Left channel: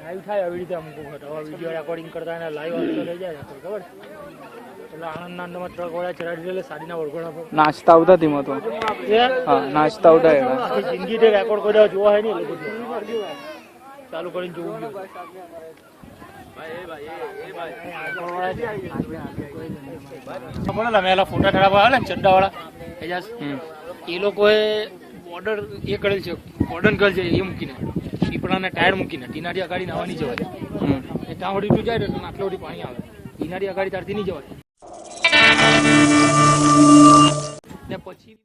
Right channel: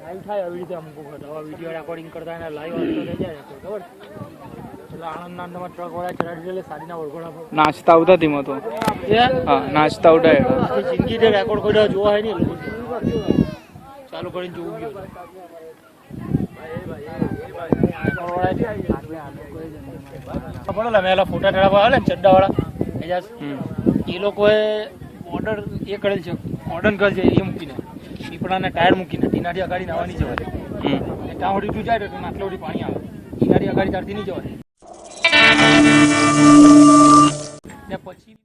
live થાય આવી રીતે અમુક વખત હવે વિડીયો રેકોર્ડિંગ કરતા એને લાઈવ આવતો લઈ જાય ખબર એટલે આણંદના અંદરમાં ટ્રક વાળા ચડાવી દે સાડીના વળગોળા પર નાચતા આવતા ધીમો તો હા નાચતા આવતા એડા જિંદગી જે રેકોર્ડ કોઈ જોવા હે નહીં ચાલુ કરીને જોવું ગયો મેલા ફોટા ચડાવવા આવે ને ચડ્ડા વાળા એ લોકોએ ઓર્ડર એ કરેલ છે ઓર્ડર કરે છે એ મૂકીને પીપળાના ટાયર મૂકીને ટીનાડી અગાડી નાવા નહીં જવાય ત્યાં વળી તું જાય એટલે આટલા વળી પાણી આવે ટીનાડી અગાડી ત્યારથી નહીં જવાય ત્યાં પછી